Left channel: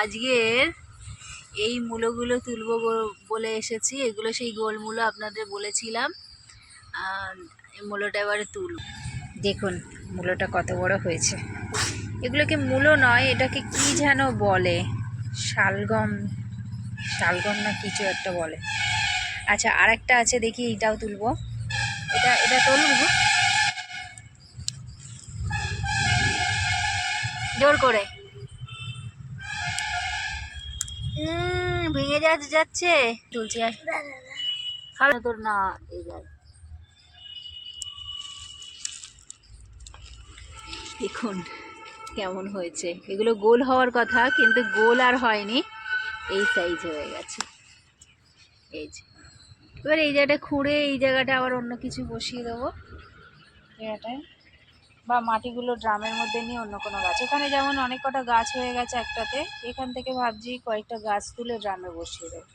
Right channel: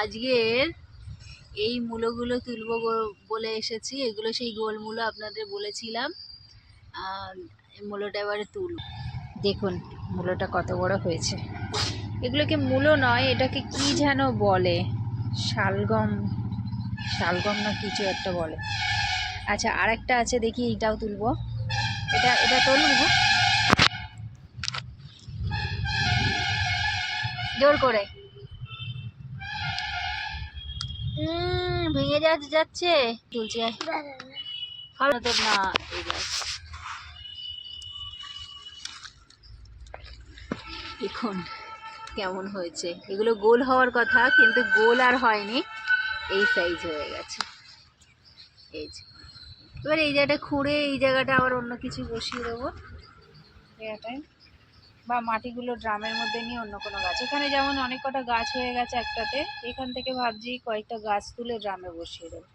আজকের এই মূলোগুলো তুলবো বলে এসেছি। এগুলো সেই গোল মূলো আপনাদের বলেছিলাম। মূলোটা এবারে তুলব দেখুন, মূলোটা কত বড় হয়েছে। এগুলোকে মূলো নয়, এটাকে কি যেন বলে? শালগম শালগম না কিছু একটা বলে। আচ্ছা আর একটা আছে, দেখি এইটাও তুলব। এটা এটা তুলবো? জোর করে। ভেঙে যাচ্ছে যাচ্ছে। চলছে না এই দেখ। দেখুন কেমন হয়েছে। এগুলো গোল হওয়ার কথা, কিন্তু গোল আর হয়নি। এই সাইজ হয়ে গেছে। এই যে। এবার এই জায়গাটা খুঁড়ে এই জায়গাটা আবার অন্য কিছু বসিয়ে দেবো। জায়গাটায়। বা মাটিগুলো ড্রামের মধ্যে নিয়ে অন্য কোনো গাছ। এখানে যেমন অনেক কটা গাছ হয়ে গেছে একটাতে। এখান থেকে ভাবছি কয়েকটা গাছ তুলে ড্রামে বসিয়ে দেবো।